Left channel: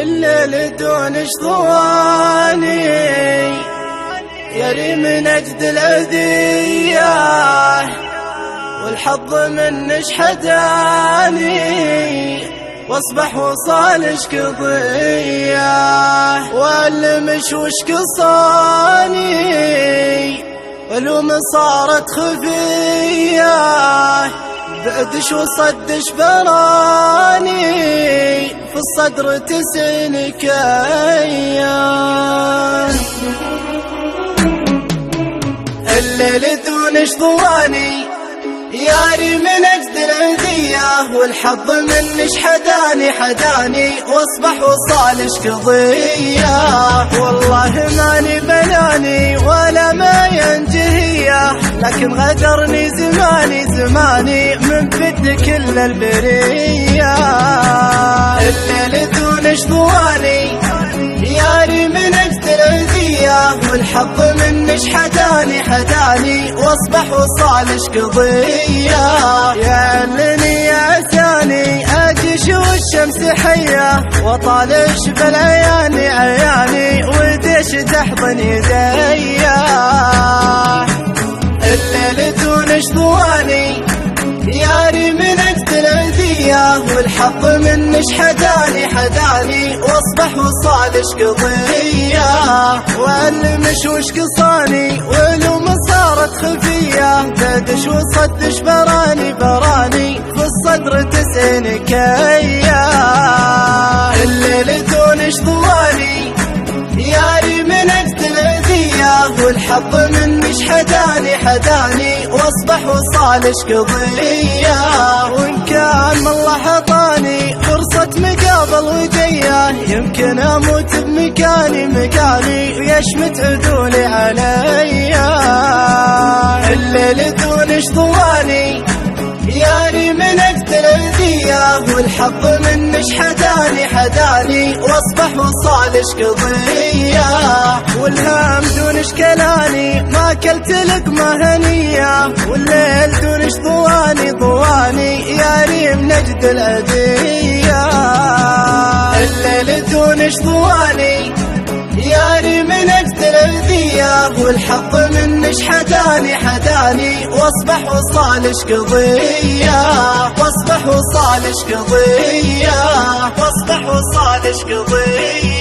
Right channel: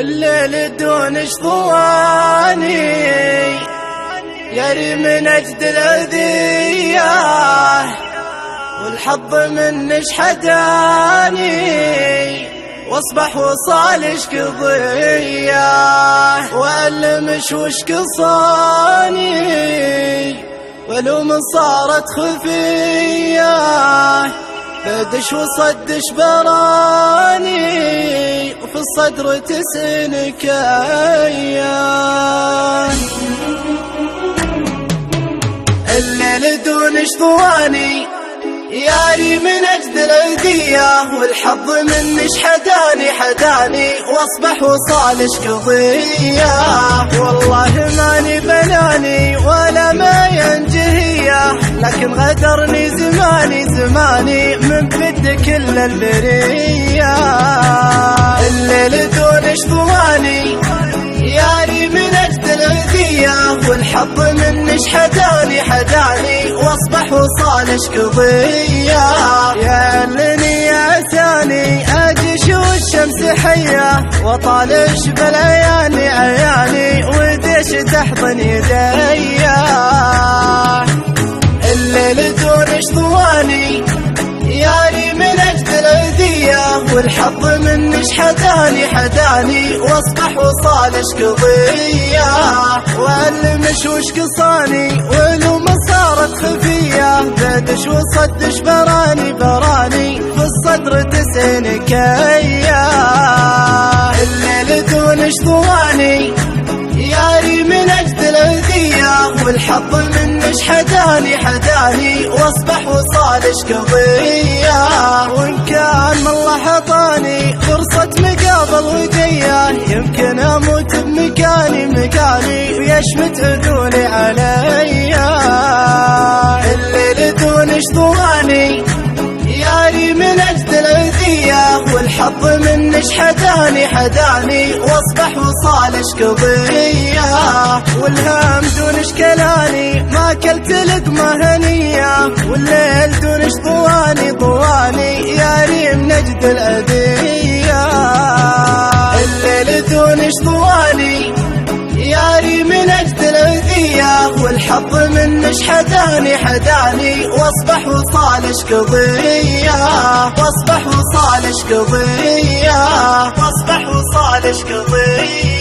الليل دون شطواني يري من أجد الأذية، والحظ منش حداني واصبح وصالش قضية، والمش وش قصاني ولو ما صارت خفية، بدش وصدش براني وفي الصدر تسنك أيام. الليل دون شطواني ياري من أجد الأذية، والحظ منش حداني واصبح وصالش قضية، والله ماني بناني ولا ما ينجهية، لكن غدرني زماني من بد كل البرية. الليل دون شطواني ياري من أجد الأذية، والحظ منش حداني واصبح وصالش قضية، يعلني يا ثاني اجيش والشمس حية، وطالش بالعياني وديش تحضن يديا. الليل دون شطواني ياري من أجد الأذية، والحظ منش حداني واصبح وصالش قضية، والمش وش قصاني ولو ما صارت خفية، بدش وصدش براني في الصدر تسنك أيام. الليل دون شطواني ياري من أجد الأذية، والحظ منش حداني واصبح وصالش قضية، وإن كان من الله حطاني فرصة مقابل ودية، يمكن أموت بمكاني ويشمت عدولي عليا. الليل دون شطواني ياري من أجد الأذية، والحظ منش حداني واصبح وصالش قضية، والهام دون شكلاني ما كلت لقمة هنية، والليل دون شطواني ياري من أجد الأذية. الليل دون شطواني ياري من أجد الأذية، والحظ منش حداني واصبح وصالش قضية، واصبح وصالش قضية.